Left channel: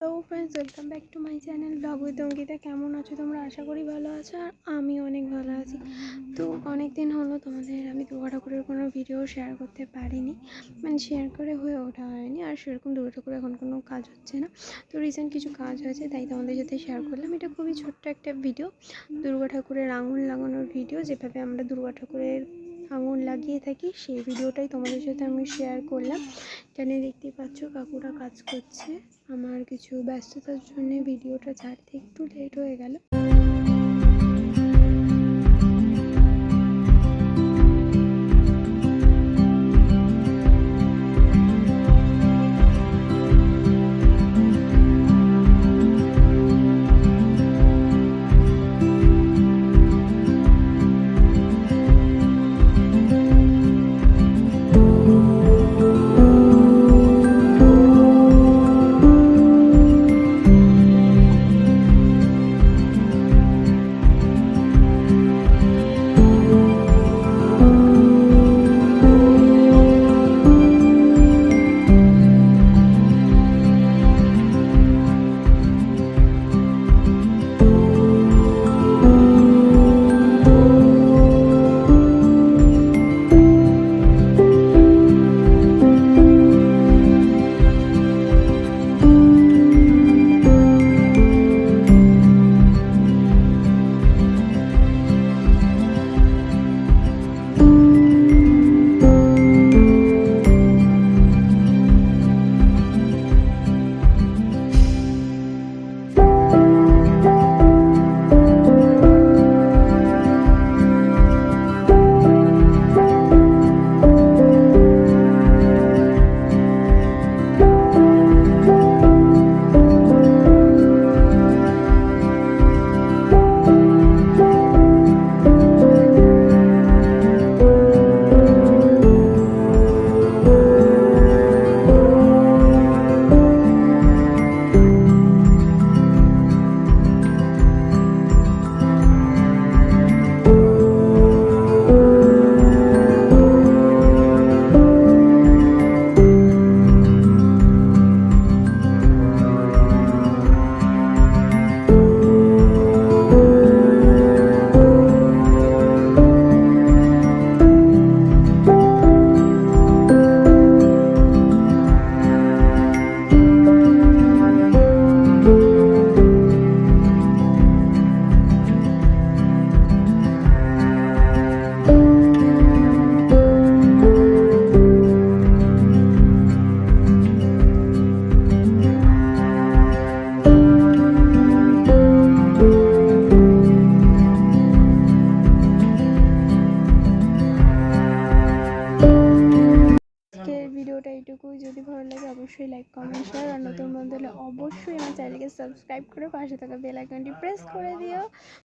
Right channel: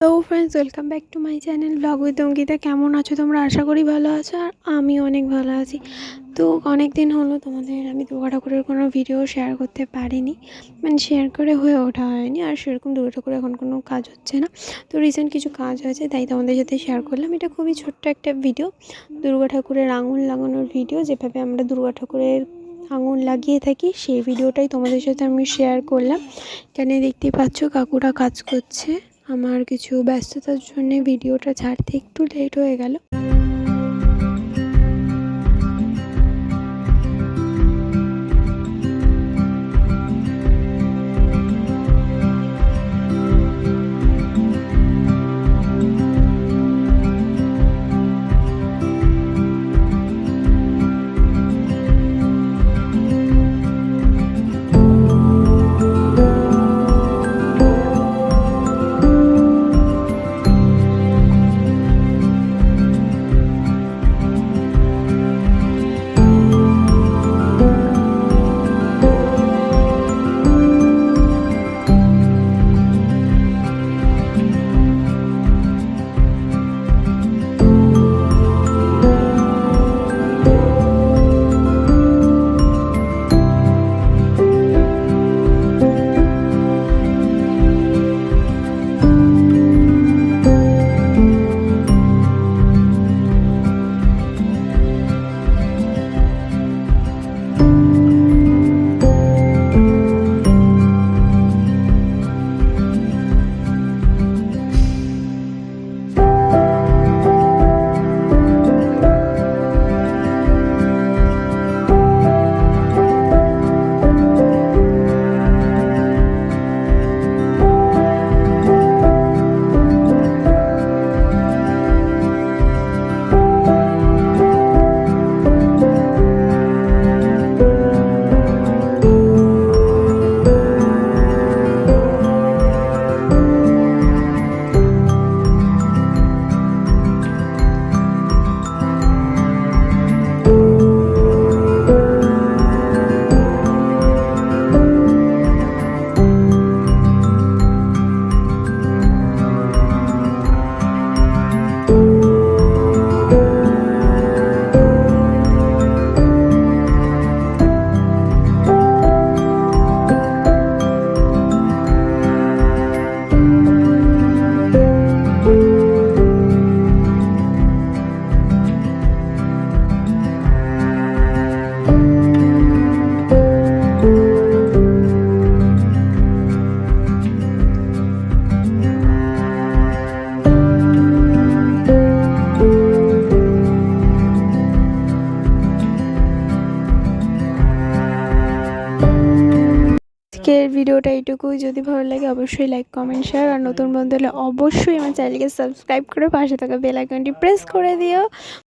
তো friends, welcome back to my channel blog with Ankita. কেমন আছো তোমরা? আশা করি ভালো আছো, আর আমি অনেক ভালো আছি। তো অনেক দিন হলো তোমাদের আমি দুর্গা ঠাকুরের কোনো ভিডিও শেয়ার করতে পারিনি, মানে শেয়ার করে হয়ে ওঠা হয়নি। আর সেরকম দুর্গা ঠাকুরের এখন কোনো কাজ হচ্ছে না। তো রিসেন্ট কিছু কাজ হয়েছে, তাই তোমাদের সাথে শেয়ার করলাম। এটা খুবই ছোট্ট একটা ভিডিও, দুর্গা ঠাকুরের আঙুল লাগানোর ভিডিও। যেভাবে আমরা দুর্গা ঠাকুরের আঙুল লাগিয়ে থাকি সেই ভিডিওটাই তোমাদের সাথে আমি শেয়ার করলাম। এখানে দেখতেই পাচ্ছ কাকুরা কাজ করছে। আমার কিছু ব্যস্ততার জন্য ভিডিওটা ছাড়তে একটু লেট হয়ে গেল। আজকের ভিডিওটা এইটুকুই। যদি ভালো লাগে অবশ্যই লাইক, কমেন্ট, শেয়ার, আর নতুন বন্ধু হলে অবশ্যই আমার চ্যানেলকে সাবস্ক্রাইব করে পাশে থাকা বেল আইকনটি প্রেস করে দিও।